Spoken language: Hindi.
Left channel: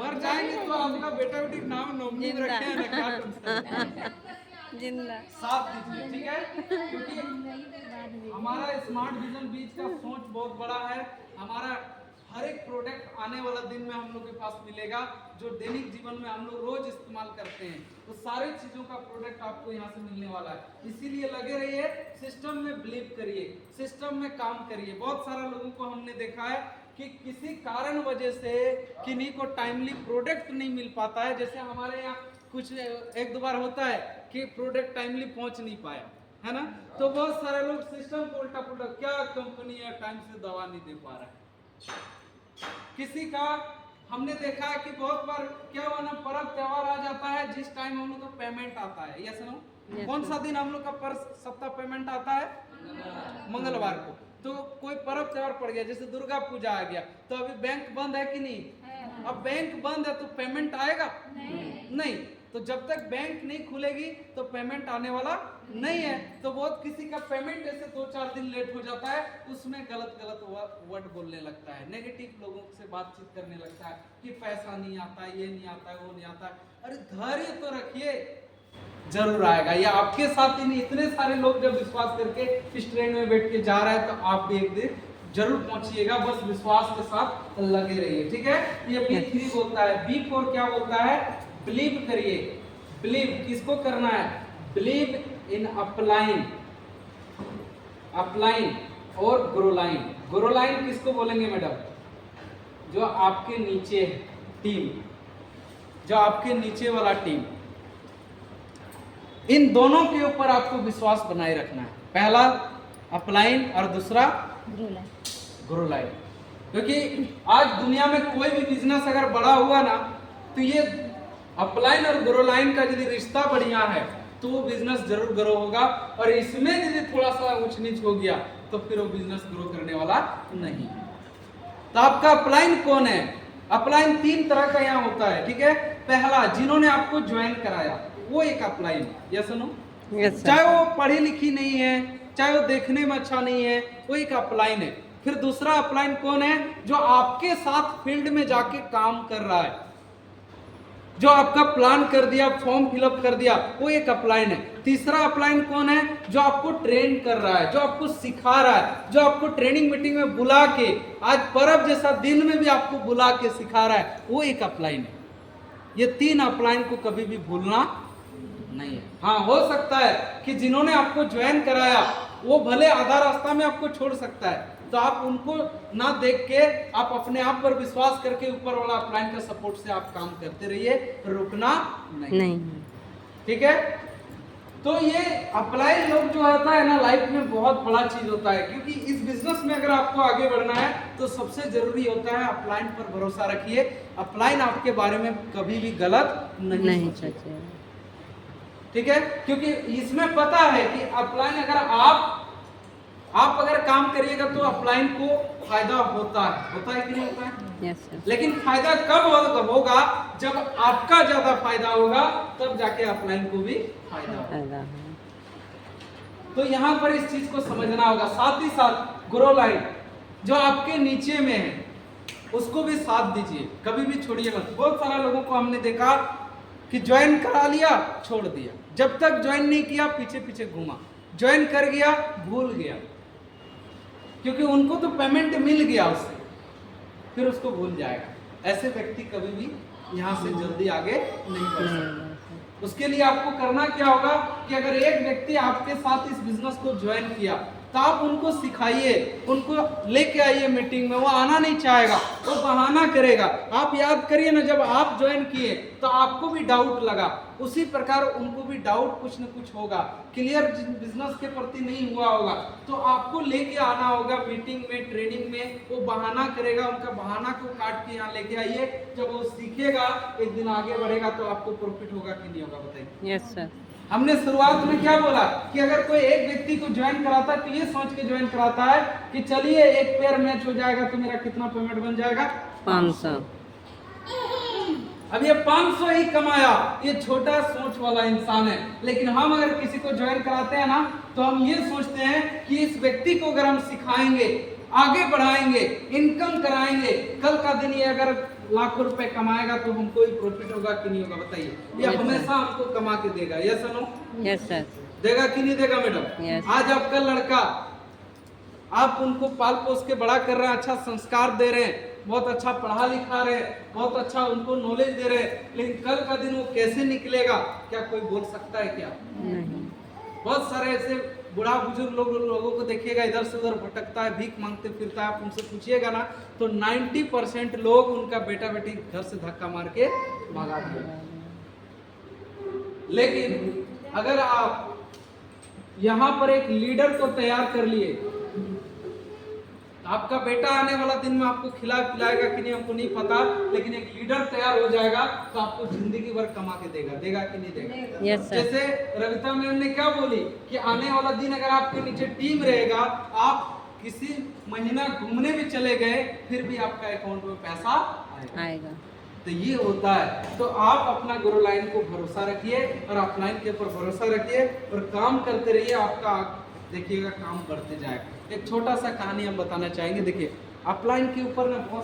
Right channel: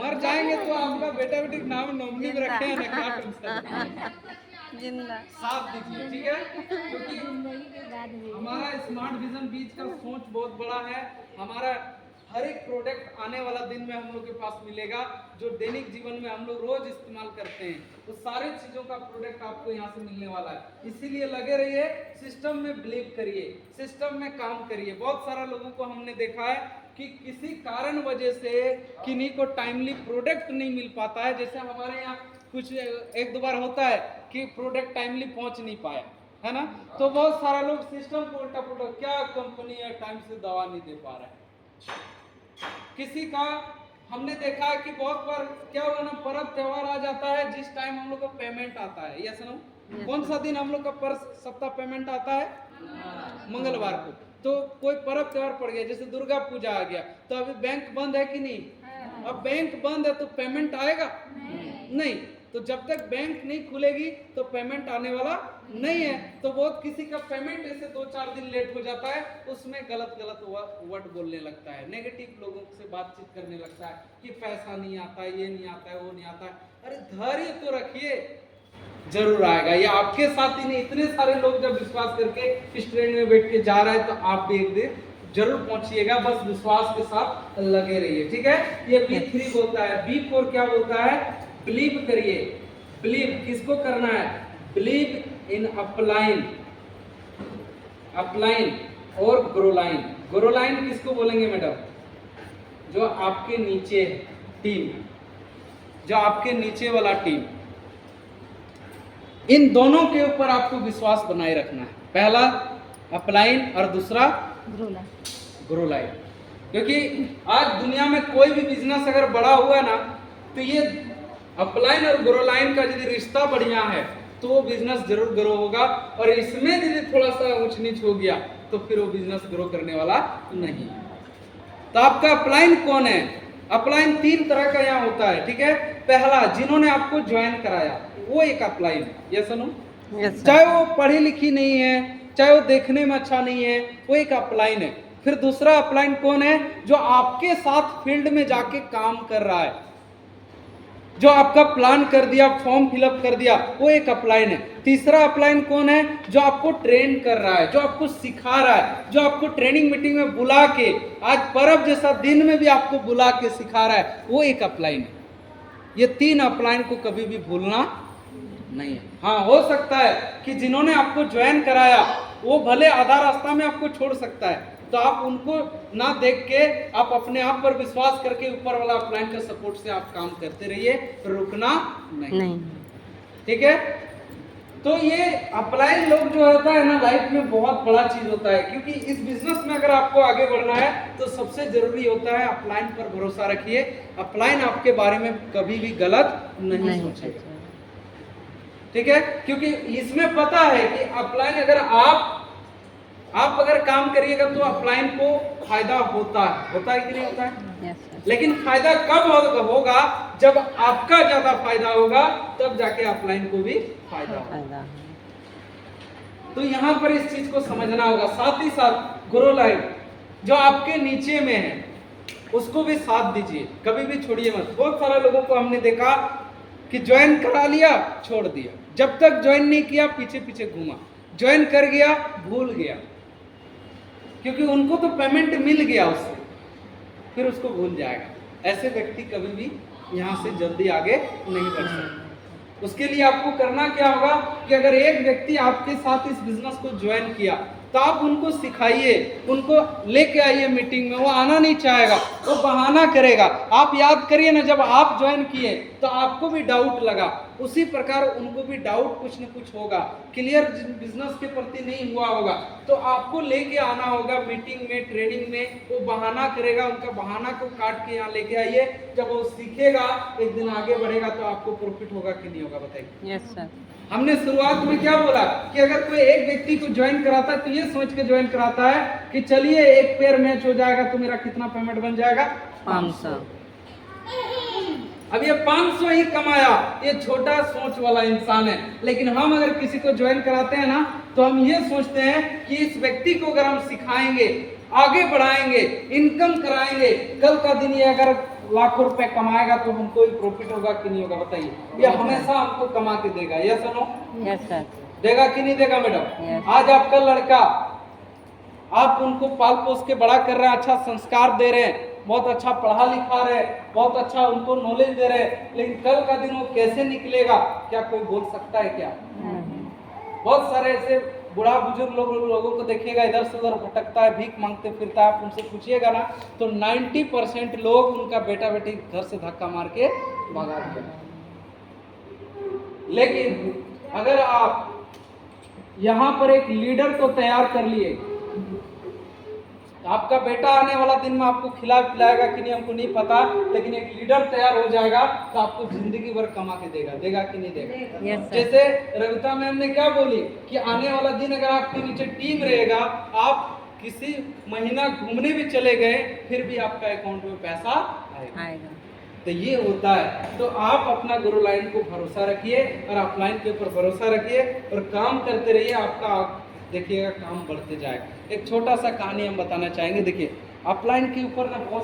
मर जाएंगे तो आपका बेटा बेटी नाम नॉमिनी में रखे हैं ना, क्या कर सकते हैं? जिंदा साथ दीजिए, ठीक है, क्योंकि हमारा स्मार्ट विजन बीज का सोच बहुत बड़ा है। हमारा हर एक प्रोडक्ट आने वाला दिन में हम लोग के पास मिलेगा, जो दैनिक जीवन में हम लोग रोज इस्तेमाल करते हैं, तो सारे चीजों का प्रोडक्ट आपको यहाँ से मिलने वाला है। इसीलिए लगे रहिए, सिस्टम में बिलीव करिए, सिस्टम में काम करिए। बहुत सारा लोगों को हमने देखा है कि किसी कारण वजह से किन्हीं को टाइमली प्रोडक्ट नहीं मिल पाता है। जैसे हमारे यहाँ कुछ एक दो बार होता है कि प्रोडक्ट टाइमली पहुंच नहीं पाया, है ना, तो बहुत सारा लोग सिस्टम को उल्टा पुल्टा, क्या कंपनी है टाइम से दवा नहीं दे पा रहा है। किसी का हमने देखा है कि बहुत बार क्या हुआ ना, पर्व त्योहार आ जाता है, जिस टाइम हम लोग का पेमेंट आता है, यस नो, कौन सा दिन हम लोग का पर सप्ताह पेमेंट आता है? मंगलवार को। तो कोई पर्व त्योहार पड़ गया, जैसे दुर्गा पूजा आ गया, तो अभी बैंक बंद है कि नहीं? अब बैंक बंद है तो पेमेंट आएगा नहीं। तो जब तक बैंक नहीं खुलेगी तो पेमेंट आने वाला नहीं है। तो बहुत किसी का पेमेंट ऐसे 2-4 दिन लेट हो जाता है, उसमें गलत गलत वर्ड बोलने लगता है, नेगेटिव लोगों से बातचीत करने लगता है कि पैसा नहीं आता, ये नहीं आता है, वो नहीं आता है। अरे धैर्य तो रखिए, जरूर आएगा। ये आपके साथ ही नहीं, इतने सारे लोग जब विश्वास करके इस ट्रेन में बैठ के जा रहे हैं, तो आप भी एक दिन जरूर पहुंचिएगा। बस विश्वास के साथ लगे रहिए, ठीक है। ये B3 बोलता है। B4 क्या बोलता है? बिलीव करिए। बिलीव किसको करना है? बिलीव इन अपलाइन, अपलाइन और ग्रोलाइन। ग्रोलाइन किसको बोलेंगे मैडम? जो आपके नीचे टीम, जो आपके नीचे वाला टीम, इन दोनों के ऊपर आपको विश्वास बनाए रखना है। पहला अपलाइन और दूसरा ग्रोलाइन। क्योंकि आज दुनिया में कोई भी बिजनेस अगर बड़ा हुआ ना, तो ये अपलाइन और ग्रोलाइन का यदि रिश्ता बढ़िया है तो वो बिजनेस जरूर ग्रो होगा, और इसमें यदि थोड़ा सा ऊंच नीच हो गया तो फिर वो बिजनेस ग्रो करने वाला नहीं है। तो आपका अपलाइन कौन है? अपलाइन 3 तरह का यहाँ होता है, ठीक है। पहला, जिन्होंने आपको ज्वाइन कराया, वो एक अपलाइन, ये सुनो, चाहे वो पढ़ी लिखी नहीं है, चाहे वो देखने में अच्छा नहीं है, वो एक अपलाइन है। फिर दूसरा अपलाइन कौन है? जो आपके साथ फील्ड में जाके काम कर रहा है, जो आपका प्लान कर दिया, फॉर्म फिलअप कर दिया, वो एक अपलाइन है। तीसरा अपलाइन कौन है? जो आपको ट्रेन कर रहा है, जो आपको सिखा रहा है, जो आपको ट्रेनिंग मीटिंग में बुला के, आज पर्व जैसा दिन में भी आपको बुला के सिखा रहा है, वो एक अपलाइन है। ये 3 अपलाइन को कभी भी भूलना नहीं है। हाँ, हो सकता है कि जिन्होंने आपको ज्वाइन कराया वो भले आधा रास्ता में आपको छोड़ सकता है, तो आप उनको ना देख के आप अपने आप पर विश्वास करके ऊपर वाला अपलाइन का सपोर्ट से आप काम करते रहिए, रुकना नहीं। ठीक है। तो ये अपलाइन लोग जो होता है ना, लाइफ में बहुत बड़ा चीज होता है, क्योंकि इस बिजनेस में अगर आपको आगे बढ़ना है तो सबसे जरूरी होता है अपलाइन पर भरोसा रखिए। अपलाइन आपके बारे में कभी भी गलत नहीं सोचेगा, ठीक है। क्योंकि इसमें पता है कि अपलाइन अगर आप अगर काम करिएगा तो अपलाइन को फायदा होता है कि नहीं होता है? लेकिन फायदा कब होगा? जब आपका ज्यादा फायदा होगा, तब जाके अपलाइन को भी फायदा होगा। तो यहाँ पर इस चीज को समझना होगा। साथ ही साथ ग्रो लाइन जो आपके नीचे में है, उसको भी साथ दीजिए, कभी भी छोड़िए मत। बहुत सारे लोगों को हमने देखा कि ज्वाइन करा लिया, छोड़ दिया, जब तक ज्वाइन नहीं किया पीछे पीछे घूमा, ज्वाइन कर गया भूल गया, क्योंकि उनको तो पेमेंट मिल गया उससे, फिर उसको भूल जाएगा। ऐसे व्यक्ति कभी भी यहाँ से जल्दी आगे नहीं बढ़ सकते। उसके लिए आपको करना क्या होगा कि अगर एक व्यक्ति आपके साथ इस बिजनेस को ज्वाइन किया, तो आप उनको सिखाइए, उनको लेके आइए मीटिंग में। वो आना नहीं चाहेगा, वो बहाना करेगा। आप याद करिए ना, जब आप ज्वाइन किए तो आपको भी डाउट लगा, उसी प्रकार उनको भी डाउट कुछ न कुछ होगा, क्लियर बिजनेस के प्रति नहीं हुआ होगा, तो आपको लेके आना होगा मीटिंग में, ट्रेनिंग में। वो बहाना करेगा, उनका बहाना को काट के यहाँ लेके आइए। जब वो सीखेगा, एक दिन आगे बढ़ेगा, तो आपको प्रॉफिट होगा कि नहीं होगा, बताइए। Yes sir. हमने शुरुआत में क्या बोला कि अगर कोई एक व्यक्ति को ज्वाइन कराता है तो ये सोच के ज्वाइन कराता है कि चलिए एक पेयर मैच हो जाएगा तो मेरा कितना पेमेंट बन जाएगा? 500। अब ये 500 ही कमाया, ये छोटा सोच वाला इंसान है। लेकिन हम अगर किसी को ज्वाइन कराते हैं ना, तो हम ये सोचते हैं कि इस व्यक्ति को अगर हम सिखाएंगे, आगे बढ़ाएंगे, इनकम कराएंगे। कल का दिन ये अगर लाखों रुपए कमाएगा तो हमको ही प्रॉफिट होगा कि नहीं होगा बताइए? ये हमेशा हमको कमा के देगा। Yes no? Yes sir. देगा कि नहीं देगा मैडम? Yes. आज आपका लड़का, आप उनको पाल पोस के बड़ा कर रहे हैं, अच्छा संस्कार दे रहे हैं, बहुत अच्छा पढ़ा लिखा रहे हैं, बहुत अच्छा उनको नॉलेज दे रहे हैं, लेकिन कल का दिन वो कैसे निकलेगा क्या कोई बोल सकता है क्या? नहीं। बहुत सारे ऐसे बूढ़ा बुजुर्ग लोगों को देखिएगा, इधर से उधर भटकता है, भीख मांगते फिरता है। आप उनसे पूछिएगा ना तो 90% लोग उनका बेटा बेटी घर से धक्का मार के भगा दिया। लेकिन अगर आप यहाँ पर एक लीडर को तैयार कर लिए, तो आपका बेटा आने वाला दिन में आपको खिला पिलाएगा कि नहीं हमको नहीं पता, लेकिन एक लीडर तैयार हो जाएगा तो आपको जिंदगी भर कमा के देगा। देगा कि नहीं देगा? Yes, sir. जैसे रविता मैम ने क्या बोली कि आने वाला दिन अगर आपके नीचे टीम रहेगा, आप किसी महीना घूमने भी चले गए फिर भी आपका अकाउंट में पैसा आएगा। तो ये होता है। तो आप अपना ग्रो लाइन को भरोसा रखिए और ऑफलाइन के ऊपर भरोसा रखिए और काम करते रहिए, आपका देखिएगा काम बढ़ते जाएगा। एक छोटा सा कहानी हम बताना चाहेंगे। देखिए अपलाइन के ऊपर ना बहुत